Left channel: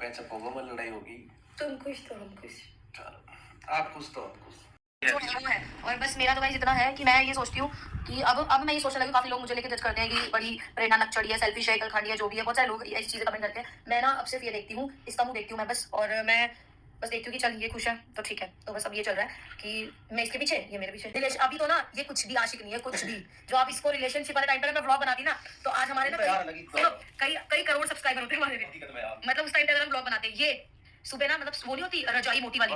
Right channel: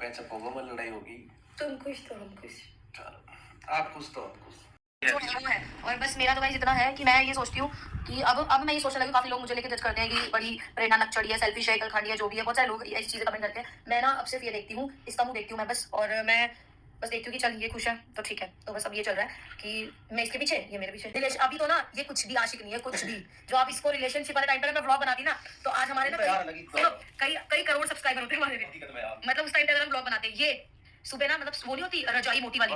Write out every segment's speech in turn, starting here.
Patch up होगा, मैं लड़ाई होगी। तुम खुश तो हम खुश। चलो आप खुश तो हम खुश। है। और बस मेरा तो गाइस इतना है कि मैं ये सोचती हूँ कि अब मैं ये सोचने लगी, काफी लोग मुझे लेके जज करते हैं कि बड़ी प्रेरणा नक्चड़ी है, सेल्फिश है, कलखंडी है, जो भी है, बहुत सारे लोग ऐसी चीजें कमेंट करते हैं। मैं ना अब सिर्फ ये देखती हूँ, इसका मुंह देखती हूँ मैं बस, और मैं बस देखती हूँ कि चल ये खुश है तो ठीक है। तो बस अब ये चल रहा है कि मैं इसके पीछे, ये मेरे पीछे। रिलेशन अभी तो ना ये कुछ भी आशिक नहीं है, कुछ भी। जो आप इसको रिलेशनशिप वाले टाइम पे मैं व्लॉग बनाती ना, तो आज हमारे ना कई कई करोड़ सब्सक्राइबर होते हैं हमारे। मतलब उस टाइम पे अगर हम व्लॉग बनाते, ये सुबह ना, मतलब वो नहीं होती रजाई मोटी वाली,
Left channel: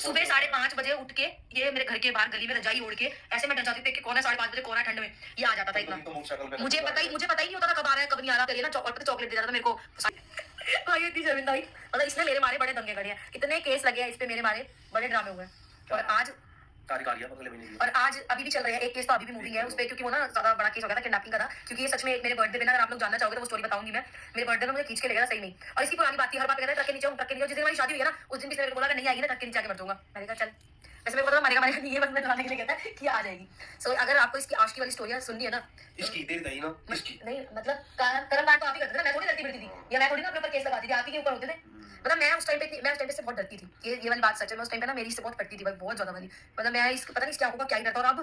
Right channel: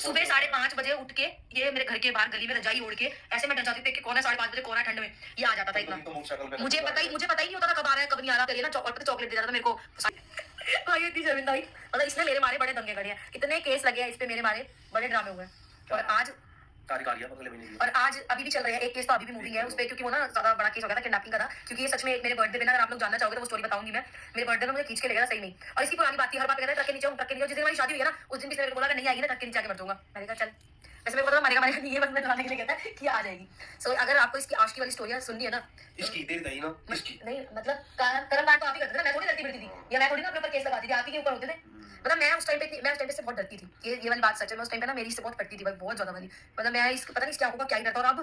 सुबह 5:30 बजे उठ के ये मेरे घर के बाहर गली में रजाई ओढ़ के ऐसे मैं डर जाती थी कि कौन है 5:30 बजे, कौन है ठंड में, ये आ जाता था इतना। मुझे पता ही नहीं होता था कब आ रहा है कब नहीं आ रहा। करिए ना चॉकलेट दे जाता था मेरे को भाई, इतनी शर्मिंदा हुई। मतलब इसने मेरे मारे बड़े दंगे गड़े हैं, कितने केस लगे हैं इस पे मेरे मारे, बड़े ड्रामे हुए हैं। और आज और आज अभी भी चल रहे हैं, एक केस तो अभी भी मूविंग है उस पे, क्योंकि वो ना ज्यादा बड़ा केस हो गया था किडनैपिंग का था। क्योंकि ये सच में मेरे बर्थडे पे ना, अगर आप लोग जानना चाहोगे तो वो स्टोरी बताऊंगी मैं। मेरे बर्थडे में मुझे खींच के ले गया सही में, और इसकी पुरानी बात थी, हर बात कहता है ट्रक के नीचे हूं, ट्रक के नीचे। जिस दिन हमारी शादी हुई है ना, उस दिन भी इसने बोला नहीं आएगी ना ट्रक के नीचे आके मर जाऊंगा। मैंने कहा चल, वैसे मेरे को पता मरेगा नहीं है, बस मैं डराने के लिए कहता है कि आ जाएगी। सो अगर आपको इसकी आशिकी वाली स्टोरी सुननी है ना, इसकी देर गई ना, इसकी नहीं मतलब करम बात तो आप ही करते थे ना, मैं थोड़ी करती फिरती थी, या मैं थोड़ी ना अपने ऊपर केस लगाती थी, आप ही के ऊपर होते थे। मतलब मैं उस टाइम पे से बहुत डरती थी, ये वाली बात सच है। मैं उस टाइम पे ना मेरी इससे बहुत पड़ती थी भाई, बहुत ज्यादा वाली। मतलब मैं इसको पता नहीं क्या होगा, क्या ही डरता। और अब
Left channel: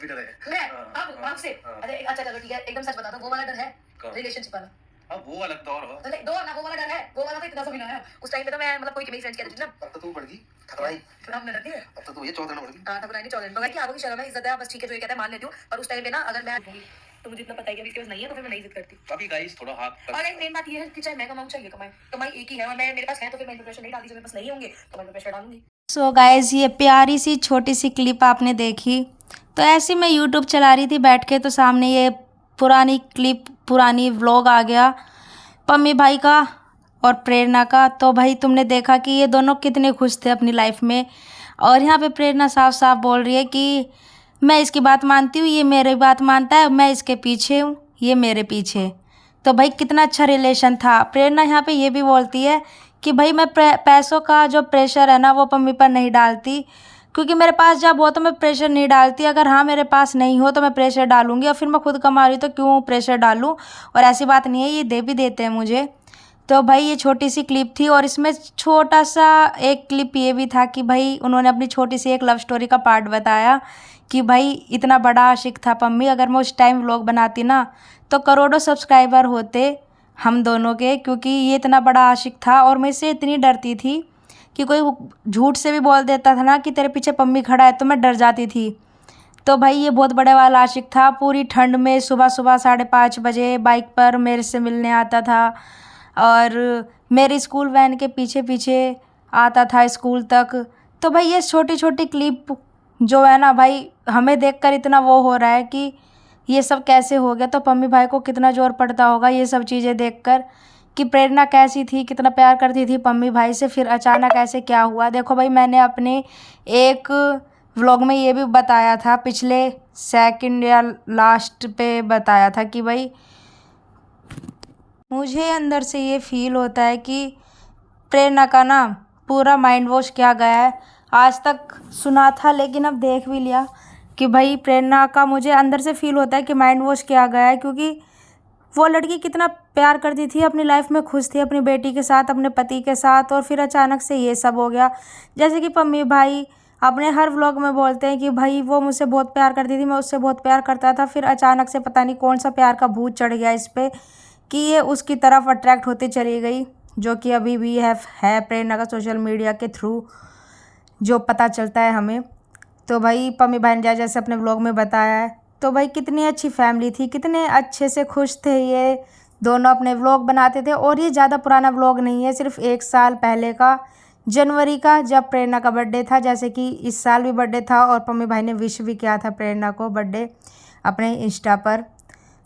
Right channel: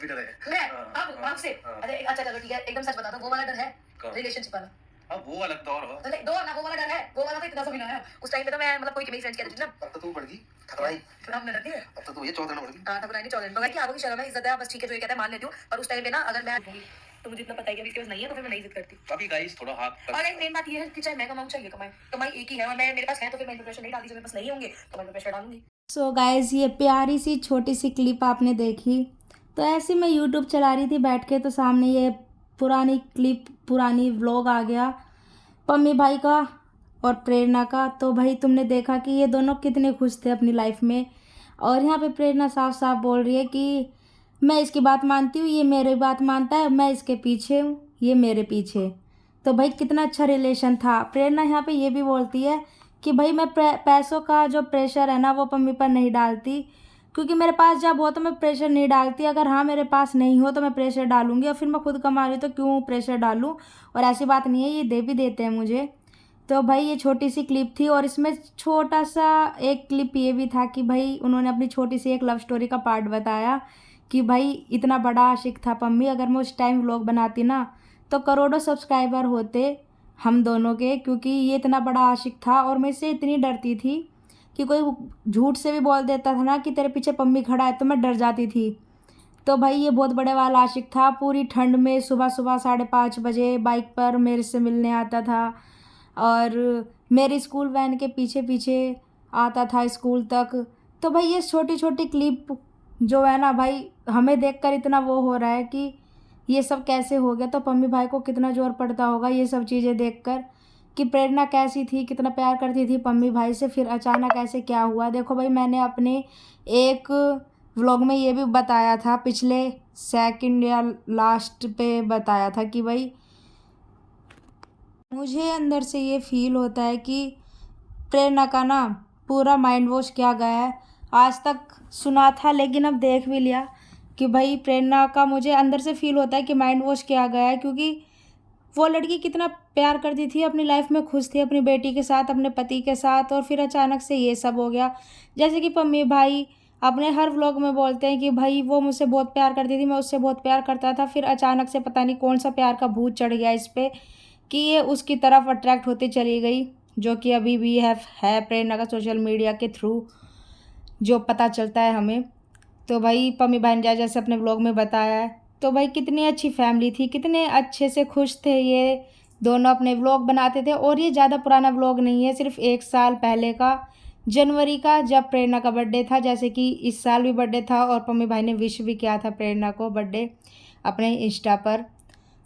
भी डर है मैं अब आपसे अरे अच्छा चलो ठीक है, एकदम सच बता दो, वो वाला डर है रिलेशनशिप वाला? अब वो अलग दौर हो, तो दो ना, वो वाला डर है, वो वाला तो इतना सा भी ना है। उस टाइम पे तो मैं मतलब कोई मेरी फ्रेंड्स कहती थी ना, अब तो तू बढ़ गई थकराई, अब मैं डरती है। अब तो तू ये 14 बढ़ गई। हां थकराई नहीं 14 तो क्या होगी, शर्म है, इज्जत है, बस ठीक है जो ये कहता है मान लेती हूँ। और उस टाइम पे ना अगर मैं तो मुझे इतना पता है कि अभी इसके पास नहीं है, तो फिर मैं नहीं जिद करती। अभी गाइस थोड़ा हाथ, और एक मेन बात ये है कि चाहे मैं कमाऊं चाहे ये कमाए, कमाई एक ही है, और मैं मेरे पास है तो फिर मैं प्रेशर नहीं डालती। जब मेरे पास नहीं होंगे तो मैं प्रेशर डालूंगी। सो गाइज, ये प्यारी सी छोटी सी क्लिप आपने देखी, तो ऐसे मैं यूट्यूब चला रही थी बैठ के, तो सामने ये पुरानी क्लिप, पुरानी व्लॉग आ गया पम्मी भाई का और प्रेरणा का। तो भाई तुमने देखा कि ये दोनों कितने खुश थे अपनी लाइफ में, और यहाँ पे प्रेरणा साफ साफ बोल रही है कि मैं इसकी बात मानती हूँ, ये मेरी बात मानता है, मैं इसके पीछे हूँ, ये मेरे पीछे। तो भाई कितना अच्छा रिलेशन था। प्रेरणा यहाँ पे ये भी बोलती है कि भाई मैं पैसों का जो प्रेशर है ना वो पम्मी पर नहीं डालती, क्योंकि मेरे पास जब हो तो मैं प्रेशर नहीं डालती, अगर हाँ मेरे पास नहीं हो तो मैं प्रेशर डालूंगी, और फिर मैं खुद कमा रही तो क्यों प्रेशर डालूं। और ऐसी बात नहीं है, ये दे भी देते हैं मुझे। तो भाई ये छोटी सी क्लिप थी, और इसमें छोटा सा एक क्लिप ये भी था कि भाई उन्होंने अपनी छोटी सी एक लव स्टोरी का पार्ट बताया कि भाई इतना बड़ा आशिक था पम्मी, अगर मैं उस टाइम व्लॉग बनाती ना तो करोड़ों सब्सक्राइबर होते हम दोनों के, क्योंकि ये इतना बड़ा आशिक था। और मैं इससे इतनी डरती थी कि कोई झूठ से भी बोल देता था ना कि तेरे पीछे पम्मी खड़ा है, तो मैं डर जाती थी। तो भाई ये बहुत बड़े वाला आशिक था, पूरी ठंड में सुबह सुबह 5:30 बजे बाइक पर मेरे से मिलने आता था, और मेरी स्कूल वैन के पीछे पीछे आता था स्कूल तक। तो भाई ये छोटी छोटी क्लिप जो है ना भाई, हमें देखकर इतना वो हो रहा है कि ये सब कैसे हो गया। तो पम्मी भाई को कितना जोर पड़ता होगा ये सब चीज़ें देखकर, कि प्रेरणा कैसी थी, कितना प्यार करती थी पम्मी भाई से, फिर अचानक ऐसे क्या हुआ। देखो भाई मैंने अपने एक व्लॉग में ये भी बताया था, पिछले सेकंड या लास्ट पे बताया था कि भाई मुझे अंदर से ये फील होता है कि प्रेरणा का ना पूरा माइंड वॉश किया गया है। आज तक सुना था लेकिन अब देख भी लिया कि भाई प्रेरणा का मुझे अंदर से फील होता है कि माइंड वॉश किया गया है, क्योंकि वो लड़की कितना प्यार करती थी, अपनी लाइफ में खुश थी अपनी बेटी के साथ, अपने पति के साथ, और फिर अचानक से ये सब हो गया। जैसे कि पम्मी भाई अपने हर व्लॉग में बोलते हैं कि भाई वो मुझसे बहुत प्यार करती थी, मैं उससे बहुत प्यार करता था, फिर अचानक से पता नहीं कौन सा प्यार का भूत चढ़ गया इस पर कि ये उसकी तरफ अट्रैक्ट होती चली गई, जो कि अभी भी है प्रेरणा का सोशल मीडिया के थ्रू जो पता चलता है हमें। तो भाई पम्मी भाई ने जैसे अपने व्लॉग में बताया है, तो भाई कितनी अच्छी फैमिली थी, कितने अच्छे से खुश थे ये दोनों, अपने व्लॉग बनाते थे। और ये ज़्यादा पुराना व्लॉग नहीं है, सिर्फ 1 साल पहले का, जनवरी का, जब प्रेरणा का बर्थडे था। जैसे कि इस साल भी बर्थडे था और पम्मी भाई ने विश भी किया था प्रेरणा को बर्थडे अपने इंस्टा पर।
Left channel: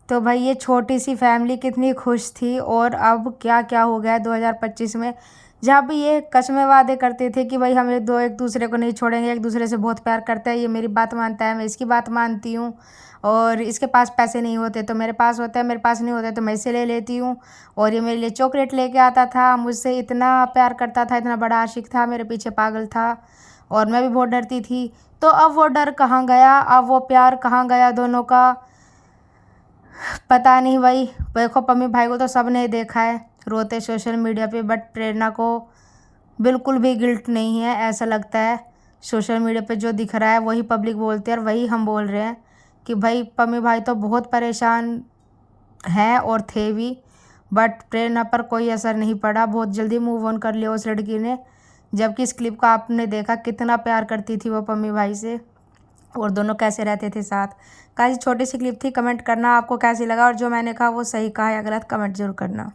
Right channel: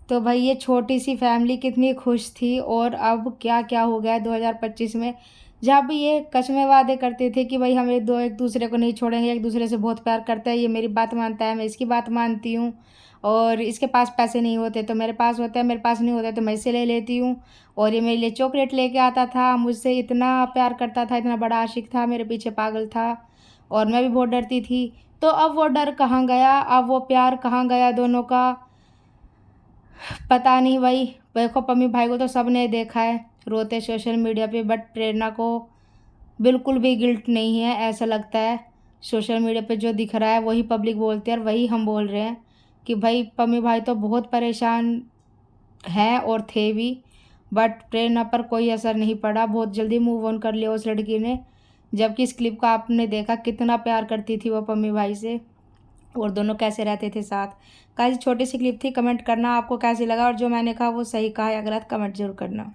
तो भाई ये छोटी सी फैमिली कितनी खुश थी, और अब क्या क्या हो गया 2025 में, जहाँ भी ये कसमें वादे करते थे कि भाई हम एक दूसरे को नहीं छोड़ेंगे, एक दूसरे से बहुत प्यार करते हैं, ये मेरी बात मानता है, मैं इसकी बात मानती हूँ, और इसके पास पैसे नहीं होते तो मेरे पास होता है, मेरे पास नहीं होता तो मैं इससे ले लेती हूँ, और ये मेरे लिए चॉकलेट लेके आता था, मुझसे इतना प्यार करता था, इतना बड़ा आशिक था, मेरे पीछे पागल था, और मैं भी बहुत डरती थी। तो अब वो डर कहाँ गया, अब वो प्यार कहाँ गया दोनों का, पता नहीं भाई। देखो पम्मी भाई को तो सब ने देखा है, रोते सोशल मीडिया पे, बट प्रेरणा को बिल्कुल भी गिल्ट नहीं है। ऐसा लगता है सोशल मीडिया पे जो दिख रहा है वही पब्लिक बोलती है और वही हम बोल रहे हैं कि भाई पम्मी भाई तो बहुत परेशान हैं और थे भी, बट प्रेरणा पर कोई असर नहीं पड़ा। बहुत जल्दी मूव ऑन कर लिया उस लड़की ने। जबकि इस क्लिप का आपने देखा कितना प्यार करती थी वो पम्मी भाई से और दोनों कैसे रहते थे साथ। गाइस छोटी सी क्लिप थी, कमेंट करना आपको कैसी लगा और जो मैंने कहा वो सही कहा या गलत कमेंट जरूर करना।